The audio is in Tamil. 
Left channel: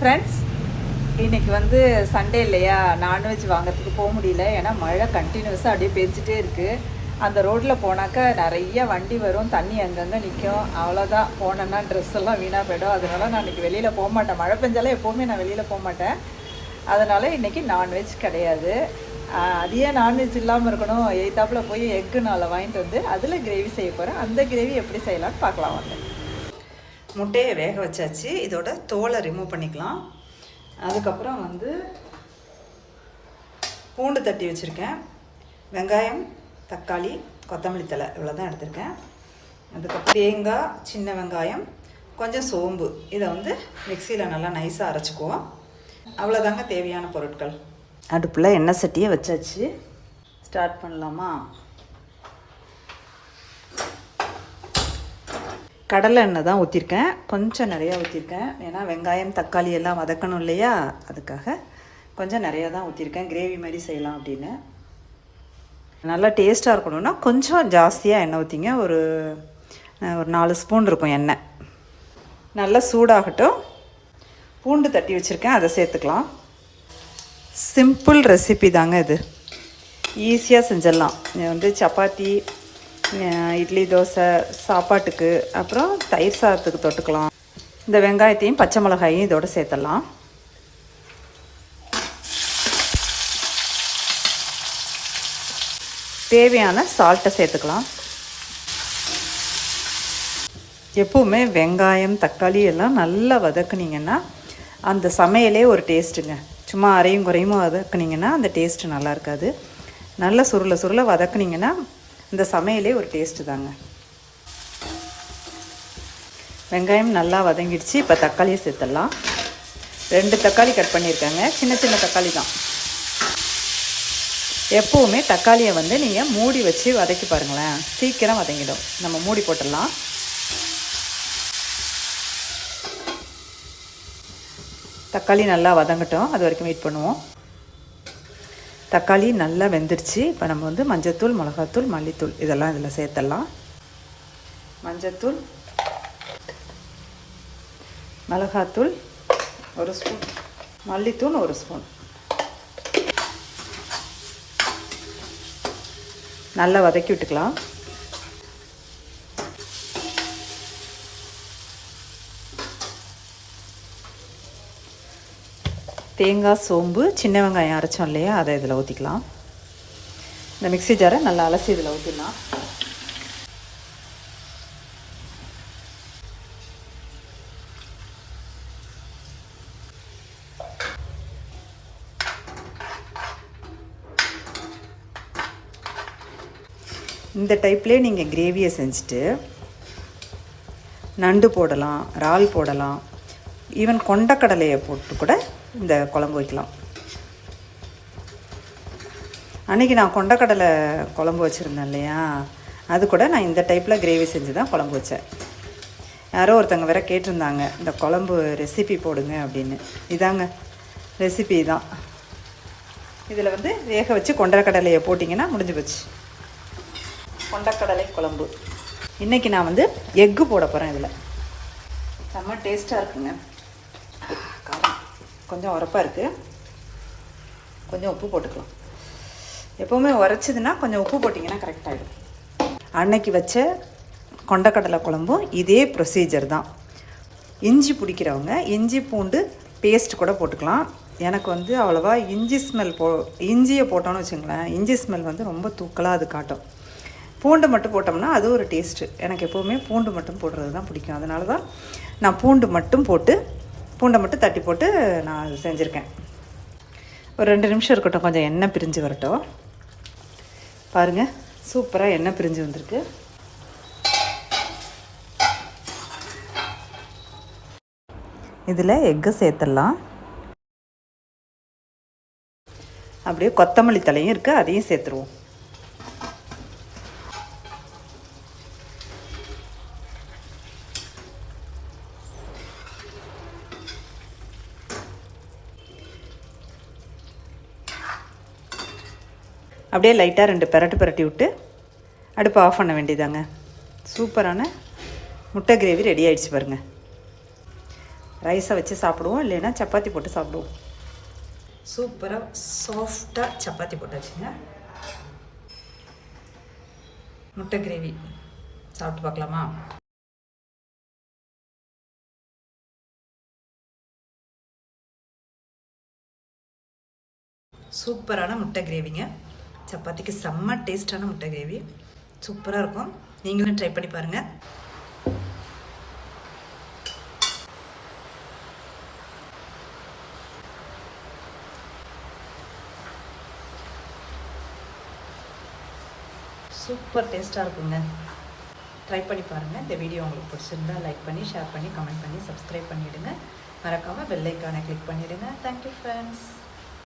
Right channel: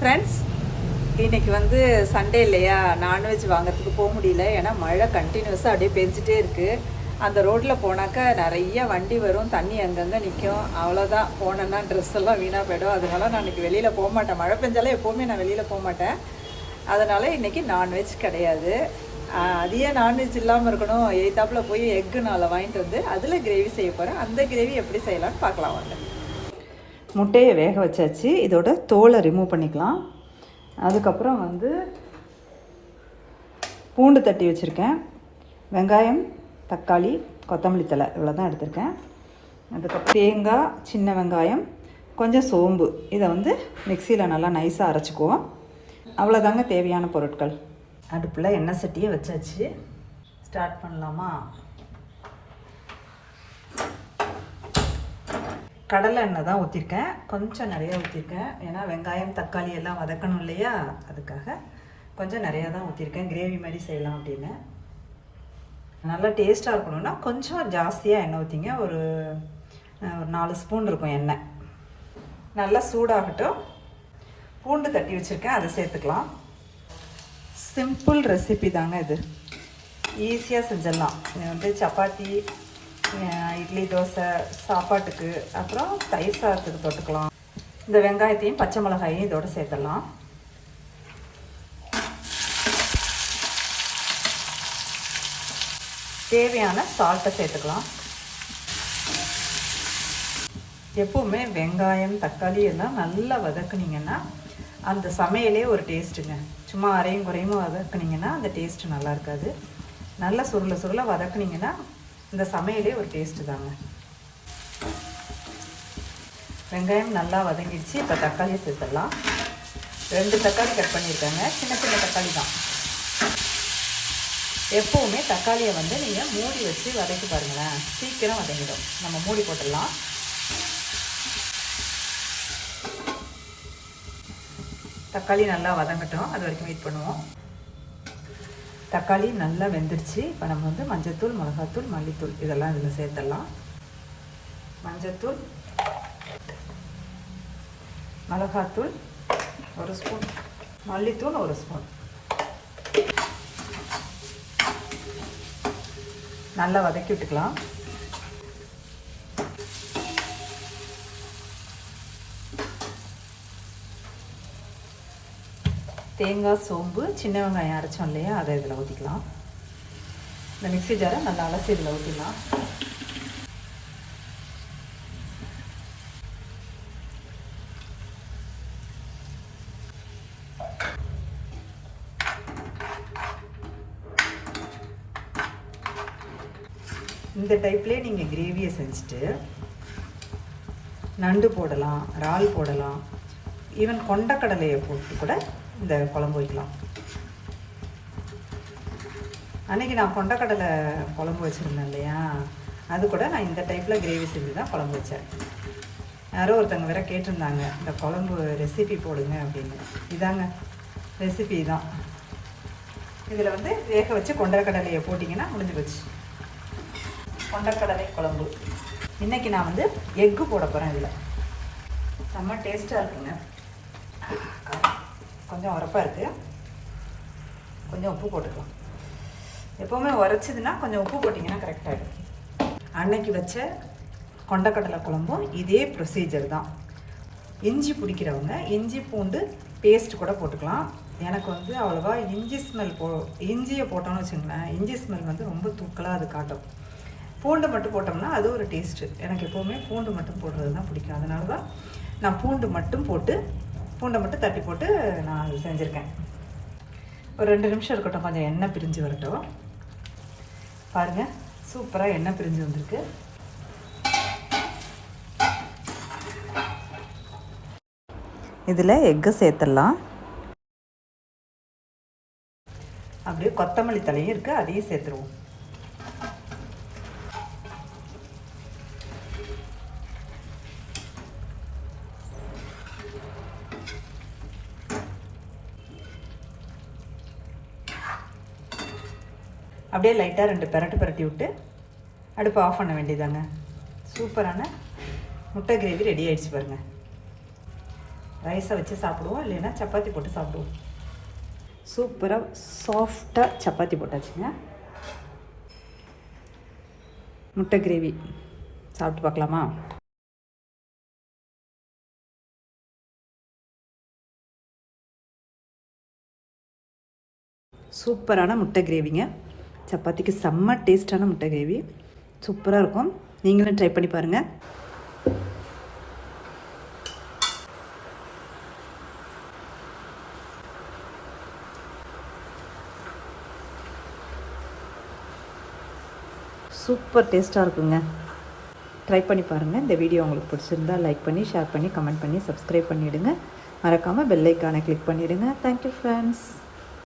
ஃப்ரெண்ட்ஸ், இன்றைக்கி வந்து சண்டே இல்லையா, நான்வெஜ் வாங்கிறதுக்கு போக முடியல. ஏன்னா மழை கண்டினியூஸாக அப்படியே பெஞ்சிட்டே இருக்குது. அந்த ரோட்டில் போனாக்கா நிறைய வண்டி வரும், தண்ணி அங்கங்கே நிற்கும். அவ்வளோதான், போனேன்னா ட்ரெஸ் எல்லாம் வீணாக போய்டும். அதனால நான் இன்றைக்கி வெளியில் போக மாட்டேன். மழை பெஞ்சாலே எப்போவுமே நான் வெளியில் போக மாட்டேன். அதனால் இன்றைக்கி நான்வெஜ் கிடையாது. அதையே நான்வெஜ் இல்லாமல் இருக்கணும், எய்த்தாப்பில் போய் எக்கு நாளை வாங்கிட்டு வந்து அதில் கிரேவி செய்ய போகிறேன். அந்த கிரேவி எப்படி செய்யலான்னு பார்க்கலாம் வாங்க. முட்டையை வேக வச்சாச்சு. இதோட தோலை ரிமூவ் பண்ணிக்கலாம். அதுக்கப்புறம் வந்து பூண்டு தட்டி வச்சுருக்கேன், வெங்காயம், தக்காளி, கொத்தமல்லி தழை இவ்வளோ தான் எடுத்திருக்கேன். அதுக்கப்புறம் தேங்காய், சின்ன வெங்காயம், கொஞ்சம் சோம்பு. இதை வந்து மிக்சியில் நல்லா நைஸாக அரைச்சிக்குவோம். அவ்வளோதாங்க தேவையான பொருட்கள். அடுப்பில் எண்ணெய் சட்டியை வச்சாச்சு. ஸ்டார்ட் பண்ணலாமா? கடலை எண்ணெய் தான் ஊற்றிருக்கேன், கொஞ்சம் நிறையா ஊற்றிருக்கேன். ஏன்னா வெங்காயம், தக்காளி எல்லாம் வதக்கணும் இல்லையா, அதுக்காக கொஞ்சம் நிறையா தான் ஊற்றிருக்கேன். கிரேவி மாதிரி செய்யலாம் அப்படின்னு. நல்லா டேஸ்ட்டாக இருக்கணும்னா கொஞ்சம் ஜாஸ்தியாக எண்ணெய் ஊற்றிங்க. ஒரு 4 ஸ்பூன் இருக்கும் எண்ணெய். நல்லா சூடாகட்டும். பூண்டு தட்டி வச்சுருக்கேன், அதை சேர்த்துக்கலாம். சிம்பிள் ரெசிபி தாங்க இது, ஈஸியாக செஞ்சிடலாம். வந்து சப்பாத்தி, இட்லி, தோசை, சாப்பாட்டுக்கு, அப்புறம் தயிர் சாதத்துக்கு தொட்டுக்கலாம். இந்த வெங்காயத்தையும் பச்சை மிளகாயையும் இதோட சேர்த்துடலாம். தேவையான சால்ட்டை சேர்த்துக்கலாம். எப்பவுமே வெங்காயம், தக்காளி எல்லாம் நல்லா வதக்குனீங்கன்னா அந்த சமையலே ஒரு டேஸ்ட்டுங்க. சும்மா அரையும் குறையும் வதக்குனீங்கன்னா அந்த டேஸ்ட்டு நல்லா இருக்காது. நல்லா சுருள வதக்குனீங்கன்னா இந்த சமையலே ஒரு டேஸ்ட்டு தாங்க. வெங்காயம் நல்லா வதங்கிடுச்சு. இப்போ தக்காளியை சேர்த்துடலாம். 2 தக்காளி கட் பண்ணியிருக்காங்க, சின்ன சின்ன தக்காளி தான். எப்போவுமே தக்காளியை வந்து நீங்கள் மூடி வச்சு வதக்கி பாருங்களேன், சீக்கிரம் வதங்கிடும். நம்ம மூடி போட்டுடலாம். தக்காளி நல்லா வதங்கட்டும், அது வரைக்கும் வெயிட் பண்ணுவோம். தக்காளி நல்லா வெந்துடுச்சு. இப்போ நம்ம வந்து மஞ்சத்தூள், மிளகாத்தூள், மல்லித்தூள் இதெல்லாம் இதில் சேர்த்துடலாம். மஞ்சத்தூள், மிளகாத்தூள் 1 ஸ்பூன், மல்லித்தூள் 1 ஸ்பூன். நல்லா வதக்கி விட்டுக்கலாம். தேங்காய், சோம்பு, சின்ன வெங்காயம் அரைச்சோம் இல்லையா, அதை இதில் ஊற்றிக்கலாம். இந்த மிக்ஸி ஜாரை நல்லா அலசி இதில் ஊற்றிக்கலாம். இந்த டைப்லேயே நீங்கள் கிரேவியை செஞ்சுட்டு நண்டு போடலாம், இறால் போடலாம், ஈவன் கொண்டக்கடலையை போட்டு கூட இந்த குழம்பு வைக்கலாம். அன்றைக்கி நான் கொண்டக்கடலை குழம்பு வச்சுருந்தேன் இல்லையா, அது கூட நான் இந்த டைப்பில் கிரேவி செஞ்சு தான் குழம்பு வச்சேன். யாரோ ஒருத்தவங்க வேற கேட்டிருந்தாங்க, இந்த குழம்பு ரெசிபி போடுங்க அப்படின்னு. இதாங்க ரெசிபி தான். இதில் வந்து வேக வச்சு கொண்டக்கடலையை போட்டிங்கன்னா முடிஞ்சு போச்சு, கொண்டக்கடலை குழம்பு. இன்றைக்கி நான் வந்து எக்கு போட போகிறேன். இதில் செம்ம டேஸ்ட்டாக இருக்குங்க. கொஞ்சம் உரப்பாக இருக்குது, கொஞ்சம் உப்பு போட்டுக்கலாம். எப்போவுமே உரைச்சிதுன்னா கொஞ்சம் உப்பு போட்டிங்கன்னா கரெக்டாகிடும். அன்னைக்கு வச்ச கொண்டக்கடலை குழம்பும் இதே ப்ரொசீஜர் தான். இஞ்சி பிடிக்கிறவங்க இஞ்சி பூண்டு பேஸ்ட் கூட போட்டுக்கலாம். எனக்கு வந்து அவ்வளோவா இஞ்சி ஸ்மெல் இஞ்சியை போட்டோன்னு வச்சுங்களேன், இஞ்சி ஸ்மெல் வந்து ரொம்ப தூக்கலாக அது காட்டும். பூண்டு மட்டும் போட்டோம்னா அது ஒரு டேஸ்ட்டு. எனக்கு எப்போவுமே பூண்டு மட்டும் போடுறது தான் பிடிக்கும். அதனால தான் நான் பூண்டை மட்டும் தட்டி போட்டு நான் அது செஞ்சுருக்கேன். ஒரு 2 நிமிஷம் இருக்கட்டும், கொஞ்சம் எண்ணெய் பிரிஞ்சு வரட்டும். பாருங்கள், சூப்பராக எண்ணெய் பிரிஞ்சு வந்திருக்கு. இதில் எக்கு சேர்த்துடலாம். அப்படியே கொத்தமல்லி தலையும் இருக்குது, அதையும் சேர்த்துருவோம். அப்படியே லைட்டாக 2 பெரட்டி விட்டு அடுப்பை ஆஃப் பண்ண வேண்டியதாங்க. சூப்பரான முட்டை கிரேவி ரெடி ஆகிடுச்சு பாருங்கள். ரைஸை வச்சு சாப்பிடுவோம், இல்லைன்னா சப்பாத்தி போட்டு சாப்பிடுவோம். சூப்பராக சாஃப்டாக சப்பாத்தி போட்டாச்சுங்க. முட்டை கிரேவி சாப்பிட்டு பார்க்கலாமா? சூப்பரான முட்டை கிரேவிங்க. சப்பாத்திக்கு செம்ம டேஸ்டான முட்டை கிரேவி, சூப்பராக இருக்கும். நீங்களும் ட்ரை பண்ணி பாருங்கள். சூப்பர் டேஸ்ட்டாக இருக்குங்க. ட்ரை பண்ணி பாருங்கள். இந்த வீடியோ உங்களுக்கு பிடிச்சிருந்தால் லைக் பண்ணி, ஷேர் பண்ணி, கமெண்ட் பண்ணி, சப்ஸ்கிரைப் பண்ணிவிடுங்க. மறக்காமல் பெல் ஐக்கானை கிளிக் பண்ணிவிடுங்க. Thank you friends.